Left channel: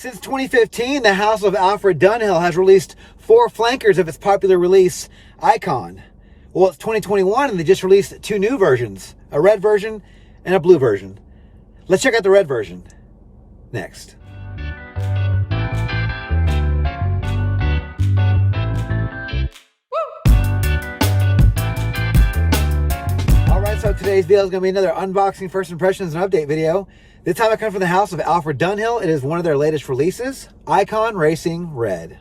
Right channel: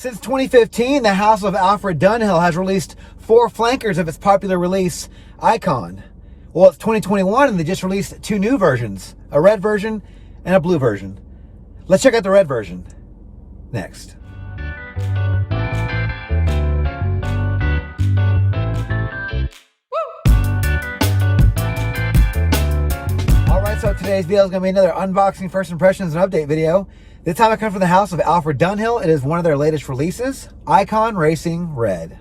Since 2015, the house of Alfred Dunhill has released 4 flankers of its popular release, Icon. Well, it's 2021 and they just released 2 new versions, a red version and a blue version. Let's check out the red version next. So today's video is going to be another unboxing, first impressions, and update video. This time I come from the house of Alfred Dunhill. It is one of their latest releases, Icon Racing Red.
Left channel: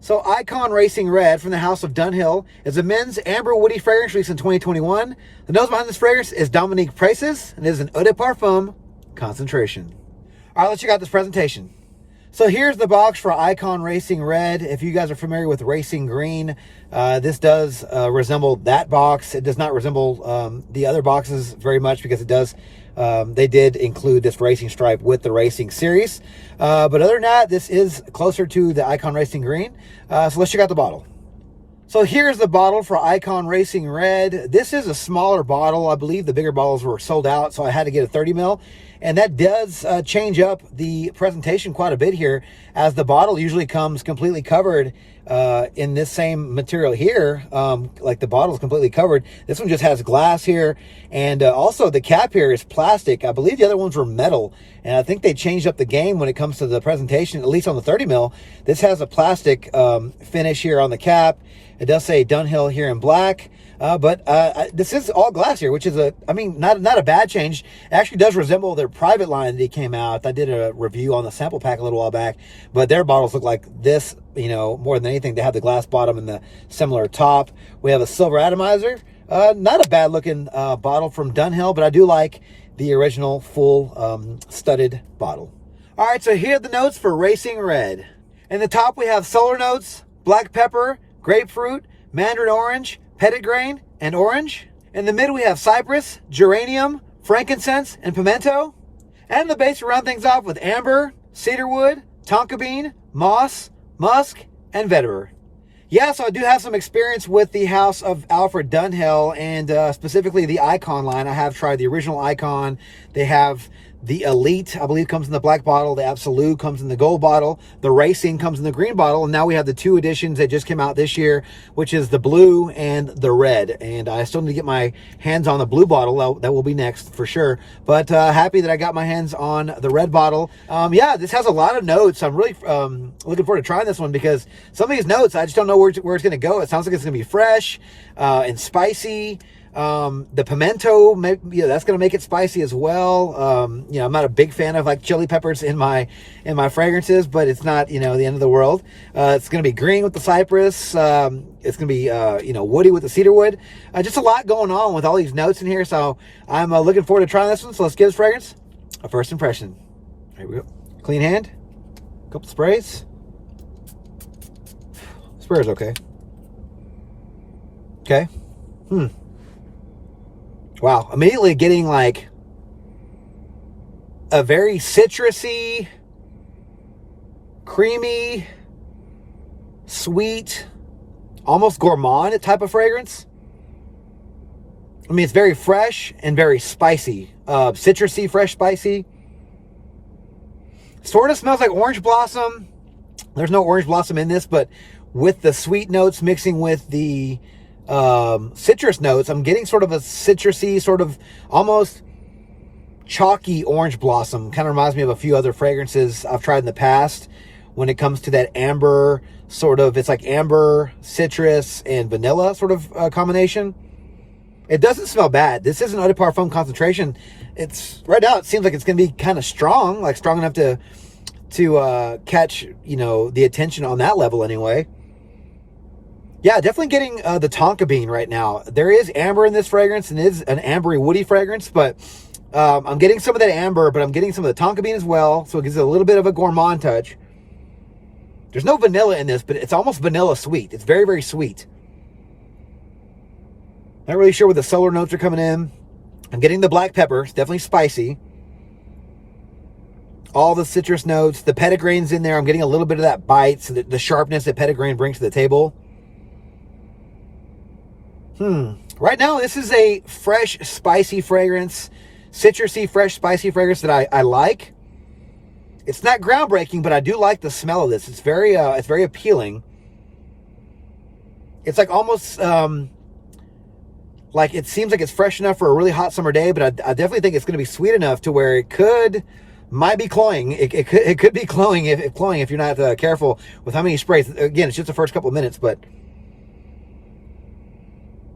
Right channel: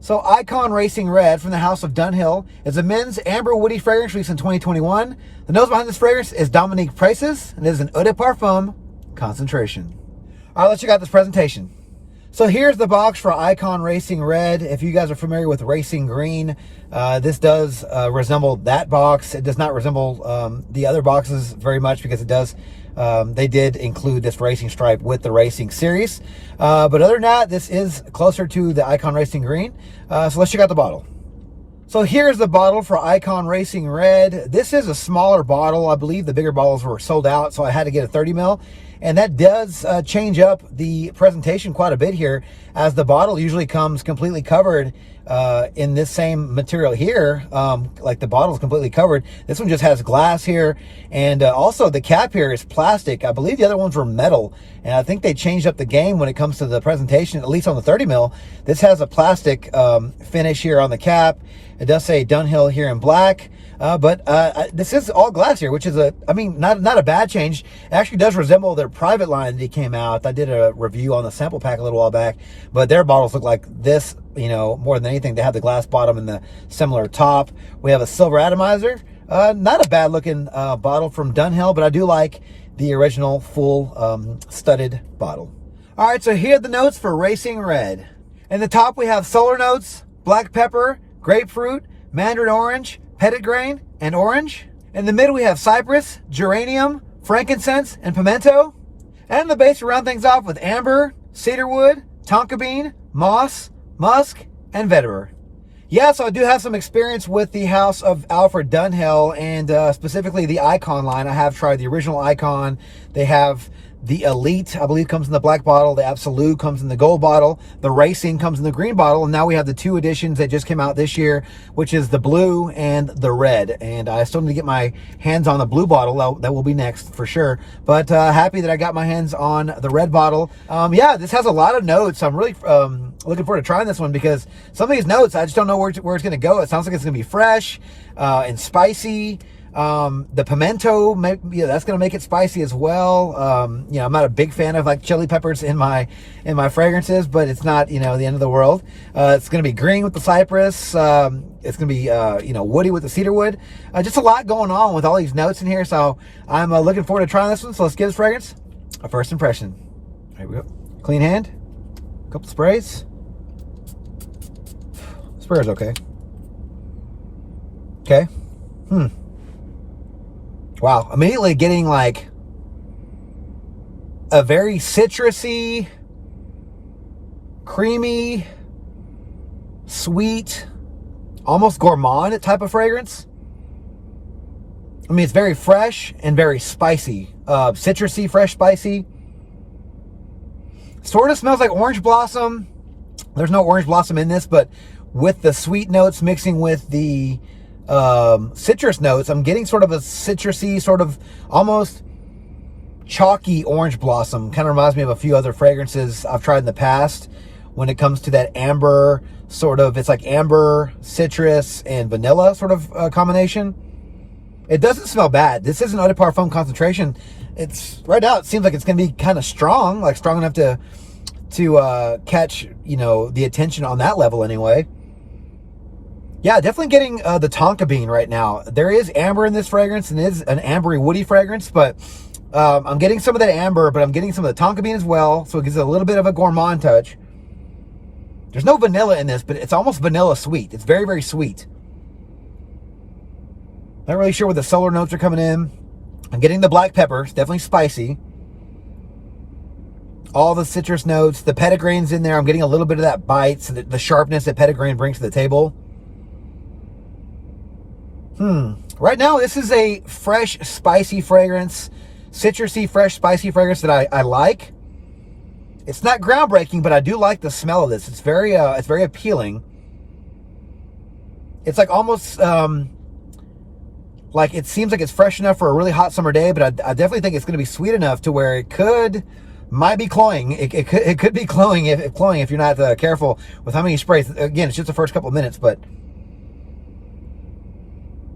So Icon Racing Red from the house of Dunhill is a men's amber woody fragrance released in 2021. The nose behind this fragrance is Dominique Precis, and it is an eau de parfum concentration. All right, let's check out this presentation. So here's the box for Icon Racing Red. If you guys are familiar with Racing Green, this does resemble that box. It does not resemble the other boxes very much because it does. They did include this racing stripe with the racing series. But other than that, this is closer to the Icon Racing Green. So let's check out the bottle. So here's the bottle for Icon Racing Red. This is a smaller bottle. I believe the bigger bottles were sold out, so I had to get a 30 ml. And that does change up the presentation quite a bit here, as the bottle usually comes completely covered in this same material here. Like the bottle is completely covered. This one just has glass here. And also the cap here is plastic. I believe the other ones were metal. And I think they changed up the game when it comes to the presentation, at least on the 30 mil. This has a plastic finish here on the cap. It does say Dunhill here in black. But this is all glass here, which is not a bad change. It actually does resemble their private line that he came out. I did a review on the sample pack a little while back, but their bottles look like this, more than anything. They have the glass bottom and the similar top. We have a silver atomizer. Not a bad looking bottle from Dunhill, but I do like the original full studded bottle. All right, so here are the notes for Racing Red. In the top, we have solar notes, black pepper, grapefruit, mandarin orange, petitgrain, and orange. In the middle, we have cypress, geranium, frankincense, and pimento. And in the base, we round things off with amber, cedarwood, tonka bean, moss, musk, and vetiver. Yeah, so I do have some experience with the house of Alfred Dunhill, and specifically the Icon line. I have tried the original Icon. They have the Elite, I believe, comes in the black bottle. The Absolute comes in the gold bottle. The Racing comes in the green bottle. And now we have the 2 editions that just came out this year, which is the blue and the red. And I still need to get my hands on the blue bottle. That will be next for sure. But happy that I got my hands on the red bottle. Yeah, this has a lot of notes. I'm really looking forward to trying this one, because some of these notes, I just don't know where it's going to go. It sounds like it's going to be fresh and spicy. The pimento, that's going to make it spicy as well. I'm not a big fan of like chili peppers in my fragrances, but it's not, the end of the world. It's going to be green with the cypress. It's going to be, woody with the cedarwood. Just a lot going on with all these notes in here. So I'm looking forward to trying this one. So let's give this fragrance a first impression. Here we go. Clean hand, a couple sprays. Sprayer's okay. Okay. Wow, immediately getting like a very citrusy, creamy, sweet, almost gourmand type of fragrance. It's very fresh and very spicy. Citrusy, fresh, spicy. Sort of smells like orange blossom. There's no orange blossom in this, but with the sweet notes mixing with the citrus notes, I'm getting sort of a citrusy, sort of almost chalky orange blossom. Kind of reminds me of a few other fragrances I've tried in the past when it comes to that amber sort of, it's like amber, citrus, and vanilla sort of combination. It doesn't smell bad. This is an eau de parfum concentration. It's right now, it seems like it's going to be kind of strong, like strong enough to catch, the attention on that level anyway. Yeah, definitely getting the tonka bean right now. There is amber in this fragrance, and it is an ambery, woody fragrance, but I'm getting some of that amber, but I'm getting some of the tonka bean as well, so it gives it a little bit of a gourmand touch. There's no vanilla in this, but it's almost vanilla sweet. It's very, very sweet. Not really sure where the solar notes are coming in. I'm getting the black pepper. It's definitely spicy. All the citrus notes. The petitgrain's in there. I'm getting a little bit of that bite, so the sharpness that petitgrain brings to the table. Right now, this is a fresh, spicy fragrance. Citrusy, fresh, spicy fragrance that I like. It's not groundbreaking, but I do like the smell of this. It's very appealing. It's like almost like it seems like it's fresh enough for a really hot summer day, but I definitely think it's going to be sweet enough to where it might be cloying. It could be cloying if you're not careful with how many sprays. Again, it's just the first couple of minutes, but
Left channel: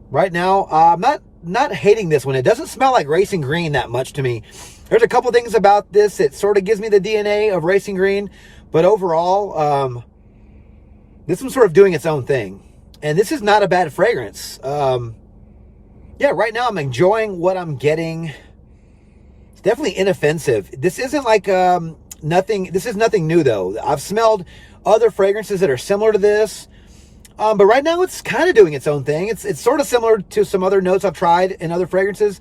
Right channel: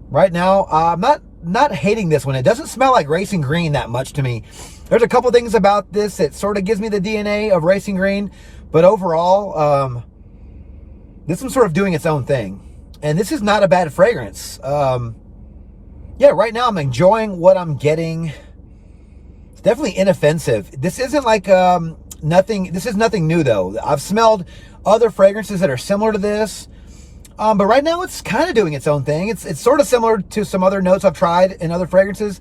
right now I'm not hating this one. It doesn't smell like Racing Green that much to me. There's a couple things about this that sort of gives me the DNA of Racing Green, but overall, this one's sort of doing its own thing. And this is not a bad fragrance. Yeah, right now I'm enjoying what I'm getting. It's definitely inoffensive. This isn't like this is nothing new though. I've smelled other fragrances that are similar to this. But right now it's kind of doing its own thing. It's sort of similar to some other notes I've tried in other fragrances.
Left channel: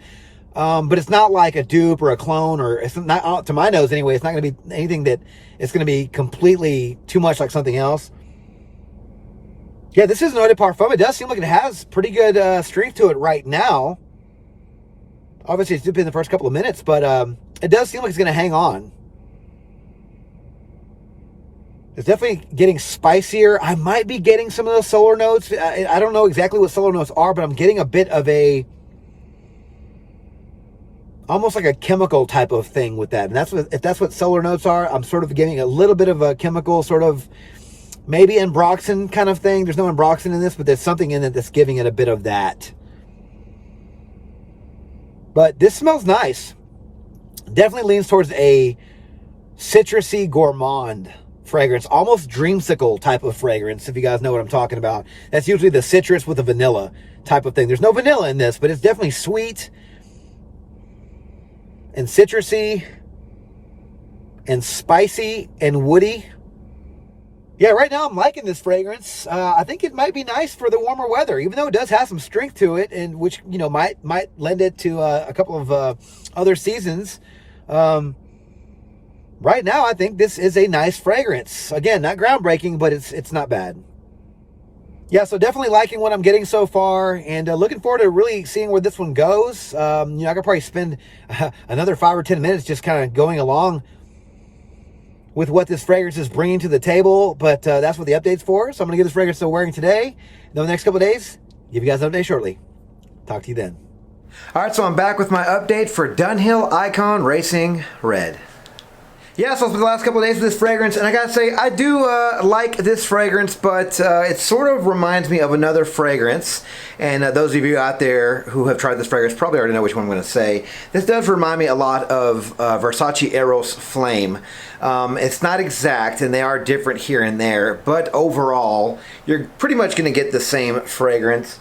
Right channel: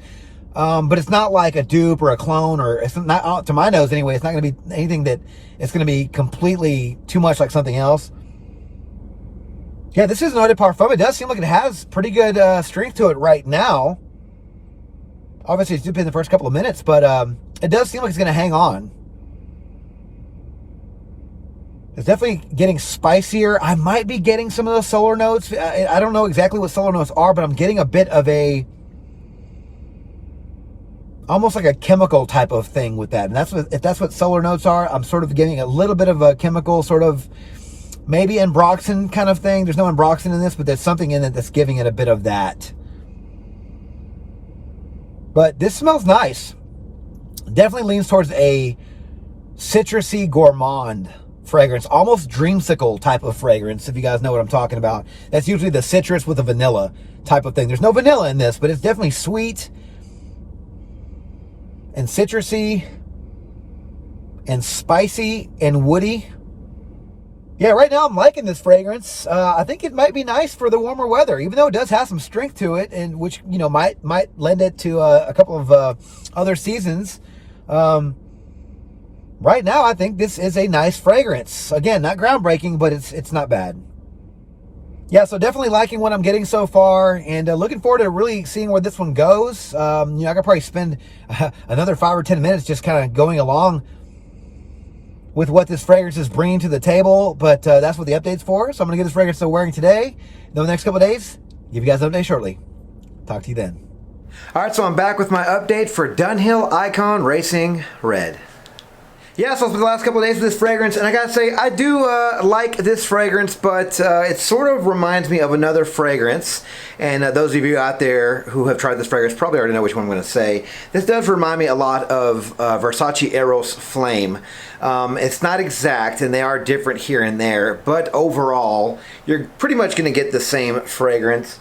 But it's not like a dupe or a clone, or it's not, to my nose anyway, it's not going to be anything that it's going to be completely too much like something else. Yeah, this is an eau de parfum. It does seem like it has pretty good strength to it right now. Obviously, it's been the first couple of minutes, but it does seem like it's going to hang on. It's definitely getting spicier. I might be getting some of those solar notes. I don't know exactly what solar notes are, but I'm getting a bit of almost like a chemical type of thing with that. And if that's what solar notes are, I'm sort of getting a little bit of a chemical sort of, maybe ambroxan kind of thing. There's no ambroxan in this, but there's something in it that's giving it a bit of that. But this smells nice. Definitely leans towards a citrusy gourmand fragrance, almost dreamsicle type of fragrance, if you guys know what I'm talking about. That's usually the citrus with a vanilla type of thing. There's no vanilla in this, but it's definitely sweet and citrusy and spicy and woody. Yeah, right now I'm liking this fragrance. I think it might be nice for the warmer weather, even though it does have some strength to it, and which, you know, might lend it to a couple of other seasons. Right now, I think this is a nice fragrance. Again, not groundbreaking, but it's not bad. Yeah, so definitely liking what I'm getting so far, and looking forward to really seeing where this one goes. I could probably spend another 5 or 10 minutes just kind of going along with what this fragrance is bringing to the table, but that's what the update's for. So I'm going to give this fragrance to wearing today. Then the next couple of days, give you guys an update shortly. Talk to you then. All right, so I'm back with my update for Dunhill Icon Racing Red. Yeah, so it's been the last couple of days of this fragrance, and I gotta say, I do like this fragrance, but it sort of reminds me of another fragrance, and those of you out there who have tried this fragrance probably already know which one I'm going to say. This does remind me a lot of Versace Eros Flame. It's not exact, and they are different here and there, but overall, you're pretty much going to get the same fragrance.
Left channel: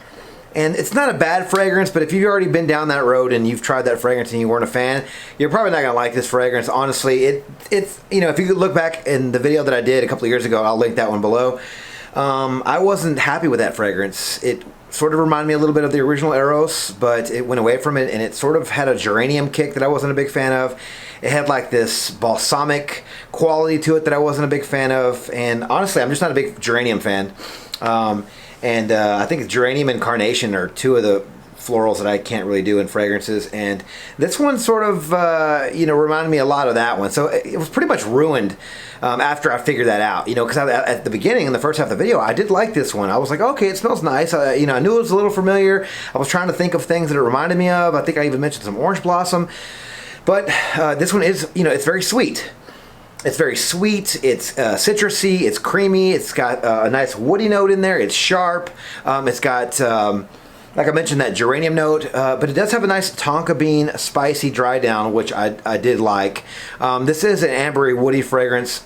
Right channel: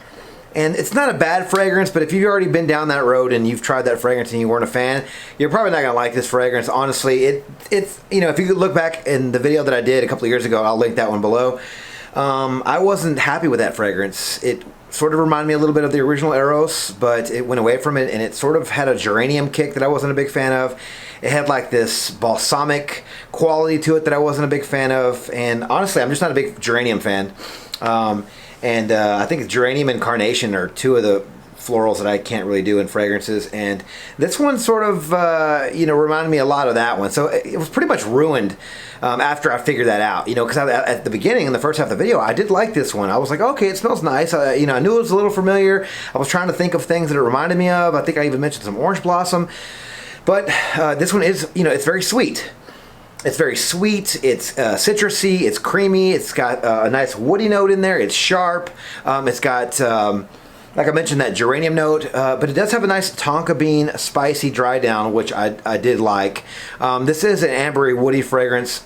And it's not a bad fragrance, but if you've already been down that road and you've tried that fragrance and you weren't a fan, you're probably not going to like this fragrance. Honestly, it's you know, if you could look back in the video that I did a couple of years ago, I'll link that one below. I wasn't happy with that fragrance. It sort of reminded me a little bit of the original Eros, but it went away from it, and it sort of had a geranium kick that I wasn't a big fan of. It had like this balsamic quality to it that I wasn't a big fan of, and honestly, I'm just not a big geranium fan. And I think geranium and carnation are two of the florals that I can't really do in fragrances. And this one sort of, reminded me a lot of that one. So it was pretty much ruined after I figured that out. You know, because at the beginning, in the first half of the video, I did like this one. I was like, okay, it smells nice. I knew it was a little familiar. I was trying to think of things that it reminded me of. I think I even mentioned some orange blossom. But this one is, it's very sweet. It's very sweet, it's citrusy, it's creamy, it's got a nice woody note in there, it's sharp, it's got, like I mentioned, that geranium note, but it does have a nice tonka bean spicy dry down, which I did like. This is an ambery woody fragrance.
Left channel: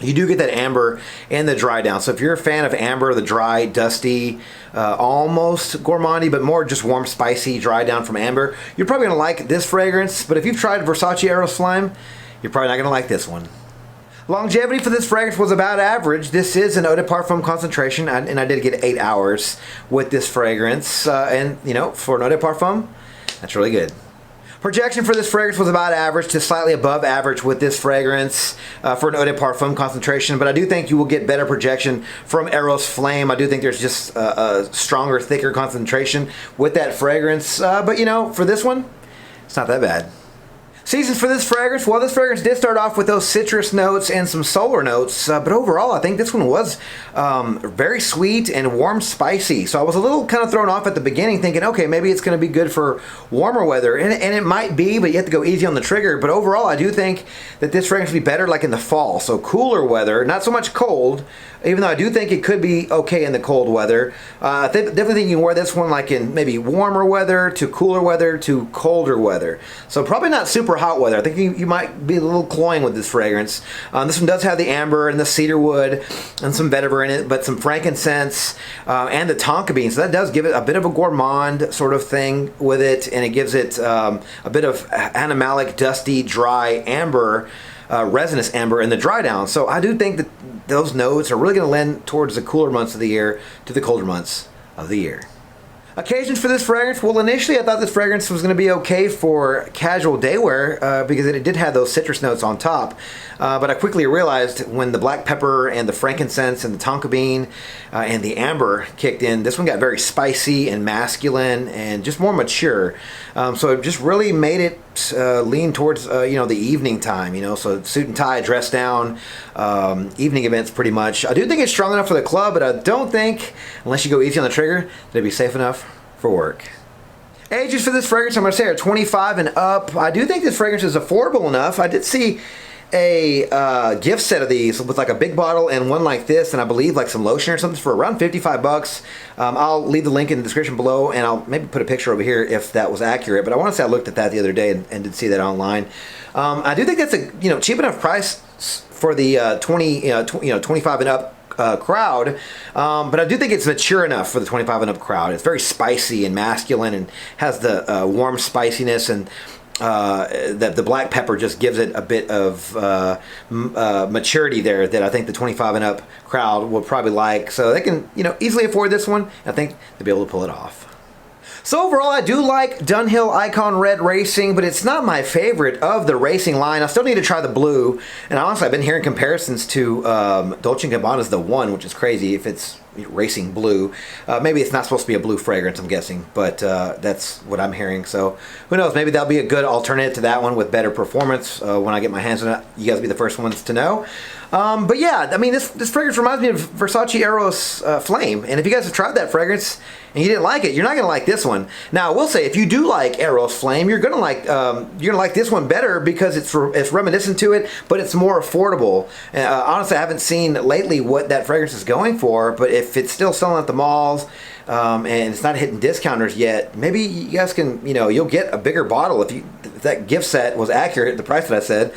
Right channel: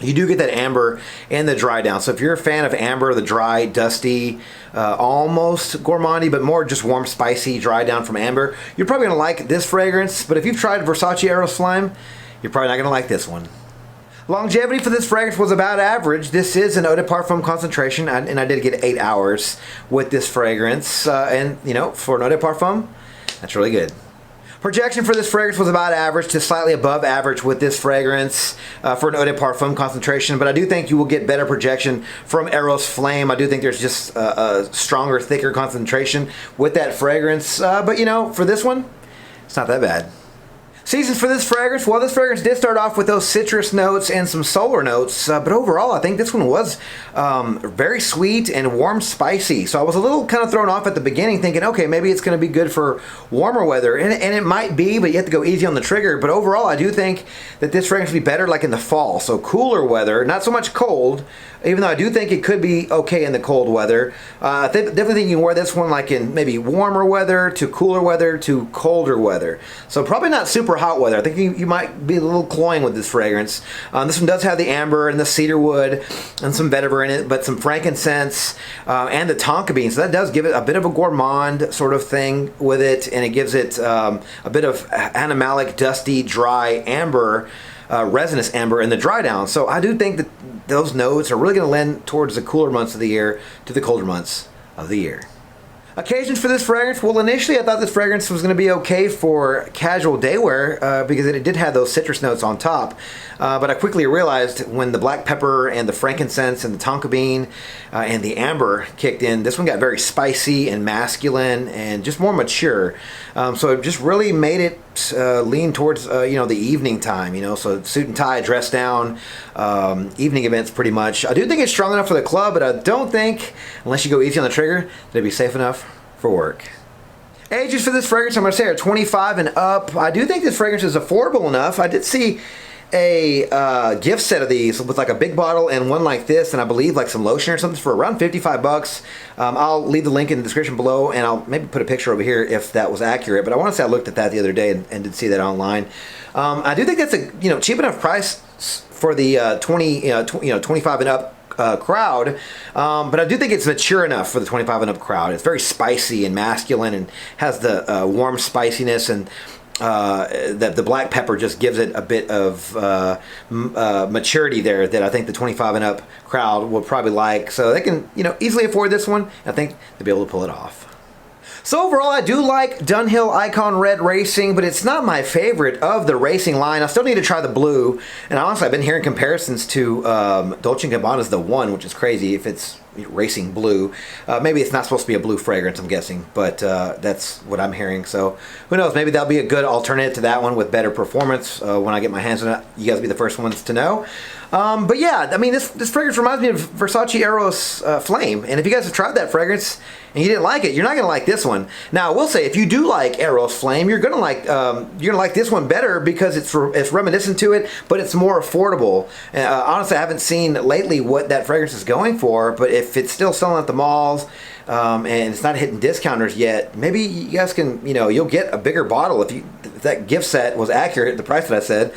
You do get that amber in the dry down, so if you're a fan of amber, the dry, dusty, almost gourmandy, but more just warm, spicy dry down from amber, you're probably going to like this fragrance. But if you've tried Versace Eros Flame, you're probably not going to like this one. Longevity for this fragrance was about average. This is an eau de parfum concentration, and I did get 8 hours with this fragrance. And, for an eau de parfum, that's really good. Projection for this fragrance was about average to slightly above average with this fragrance for an eau de parfum concentration. But I do think you will get better projection from Eros Flame. I do think there's just a stronger, thicker concentration with that fragrance. But, for this one, it's not that bad. Seasons for this fragrance. Well, this fragrance did start off with those citrus notes and some solar notes, but overall I think this one was very sweet and warm spicy. So I was a little kind of thrown off at the beginning thinking, okay, maybe it's going to be good for warmer weather, and it might be, but you have to go easy on the trigger. But overall I do think that this fragrance would be better like in the fall, so cooler weather, not so much cold, even though I do think it could be okay in the cold weather. I definitely think you can wear this one like in maybe warmer weather to cooler weather to colder weather. So probably not super hot weather. I think you might be a little cloying with this fragrance. This one does have the amber and the cedar wood and some vetiver in it, but some frankincense and the tonka bean. So that does give it a bit of a gourmand sort of thing with it, and it gives it a bit of animalic, dusty, dry amber, resinous amber in the dry down. So I do think that those notes are really going to lend towards the cooler months of the year to the colder months of the year. Occasions for this fragrance. Well, initially I thought this fragrance was going to be okay for casual day wear because it did have those citrus notes on top. But I quickly realized when the black pepper and the frankincense and the tonka bean and the amber kicked in, this one got very spicy and masculine and just more mature. So it just really made it lean towards the evening time. So suit and tie, dress down, evening events pretty much. I do think it's strong enough for the club, but I don't think, unless you go easy on the trigger, that it'd be safe enough for work. Ages for this fragrance, I'm going to say, are 25 and up. I do think this fragrance is affordable enough. I did see a gift set of these with like a big bottle and one like this, and I believe like some lotion or something for around 55 bucks. I'll leave the link in the description below, and I'll maybe put a picture over here if that was accurate, but I want to say I looked at that the other day and did see that online. I do think that's a cheap enough price for the 25 and up crowd, but I do think it's mature enough for the 25 and up crowd. It's very spicy and masculine and has the warm spiciness, and that the black pepper just gives it a bit of maturity there that I think the 25 and up crowd will probably like. So they can easily afford this one. I think they'll be able to pull it off. So overall, I do like Dunhill Icon Red Racing, but it's not my favorite of the racing line. I still need to try the blue, and honestly, I've been hearing comparisons to Dolce & Gabbana's The One, which is crazy if it's racing blue. Maybe it's not supposed to be a blue fragrance, I'm guessing, but that's what I'm hearing. So who knows? Maybe that'll be a good alternative to that one with better performance. When I get my hands on it, you guys will be the first ones to know. But yeah, I mean, this fragrance reminds me of Versace Eros Flame, and if you guys have tried that fragrance and you didn't like it, you're not gonna like this one. Now, I will say, if you do like Eros Flame, you're gonna like this one better because it's reminiscent to it, but it's more affordable. Honestly, I haven't seen lately what that fragrance is going for, but if it's still selling at the malls and it's not hitting discounters yet, maybe you guys can, you'll get a bigger bottle if that gift set was accurate, the price that I said.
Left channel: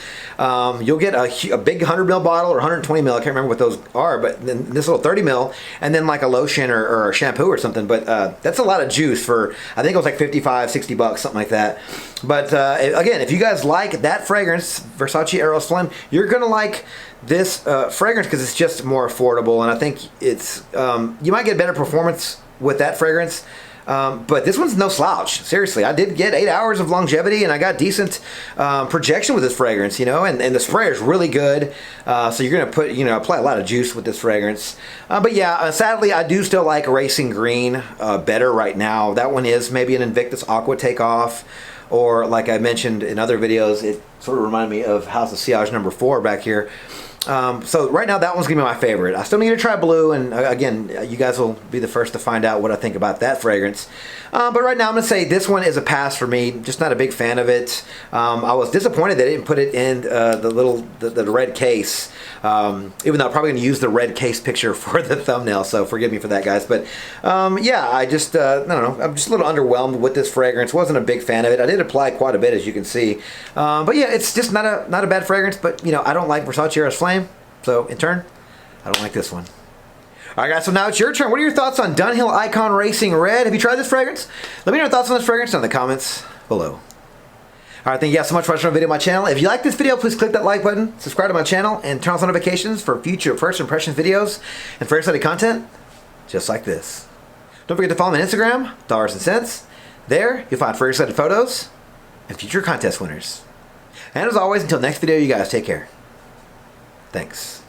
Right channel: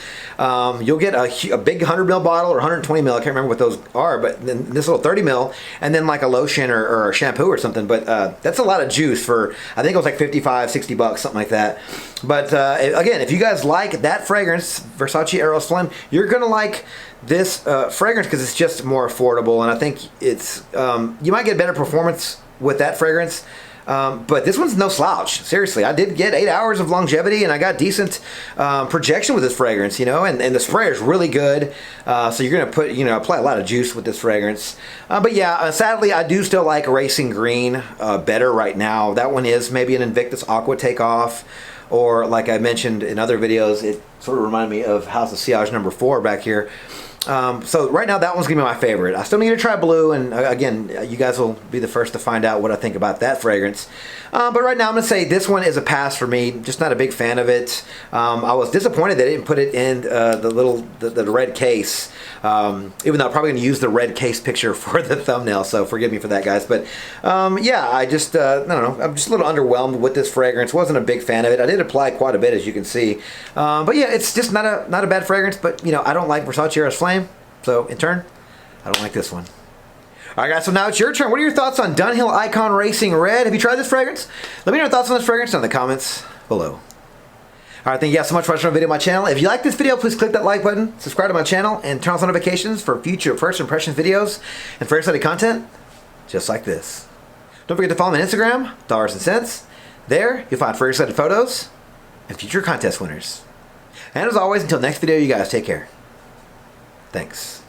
You'll get a big 100 ml bottle or 120 ml. I can't remember what those are, but then this little 30 ml, and then like a lotion or a shampoo or something. But that's a lot of juice for, I think it was like 55, 60 bucks, something like that. But again, if you guys like that fragrance, Versace Eros Flame, you're gonna like this fragrance because it's just more affordable, and I think it's you might get better performance with that fragrance. But this one's no slouch. Seriously, I did get 8 hours of longevity, and I got decent projection with this fragrance, and the sprayer is really good. So you're gonna apply a lot of juice with this fragrance. But yeah, sadly, I do still like Racing Green better right now. That one is maybe an Invictus Aqua takeoff, or like I mentioned in other videos, it sort of reminded me of House of Sillage number 4 back here. So right now that one's gonna be my favorite. I still need to try blue, and again, you guys will be the first to find out what I think about that fragrance. But right now I'm gonna say this one is a pass for me. Just not a big fan of it. I was disappointed they didn't put it in the red case, even though I'm probably gonna use the red case picture for the thumbnail, so forgive me for that, guys. But yeah, I just I don't know, I'm just a little underwhelmed with this fragrance. Wasn't a big fan of it. I did apply quite a bit, as you can see, but yeah, it's just not a bad fragrance. But I don't like Versace Eros Flame, so in turn, I don't like this one. Alright guys, so now it's your turn. What are your thoughts on Dunhill Icon Racing Red? Have you tried this fragrance? Let me know your thoughts on this fragrance in the comments below. Alright, thank you guys so much for watching my video on my channel. If you like this video, please click that like button, subscribe to my channel, and turn on notifications for future first impressions videos and for exciting content just like this. Don't forget to follow me on Instagram, Dollars and Cents. There, you'll find free excited photos and future contest winners. And as always, until next video, you guys take care. Thanks.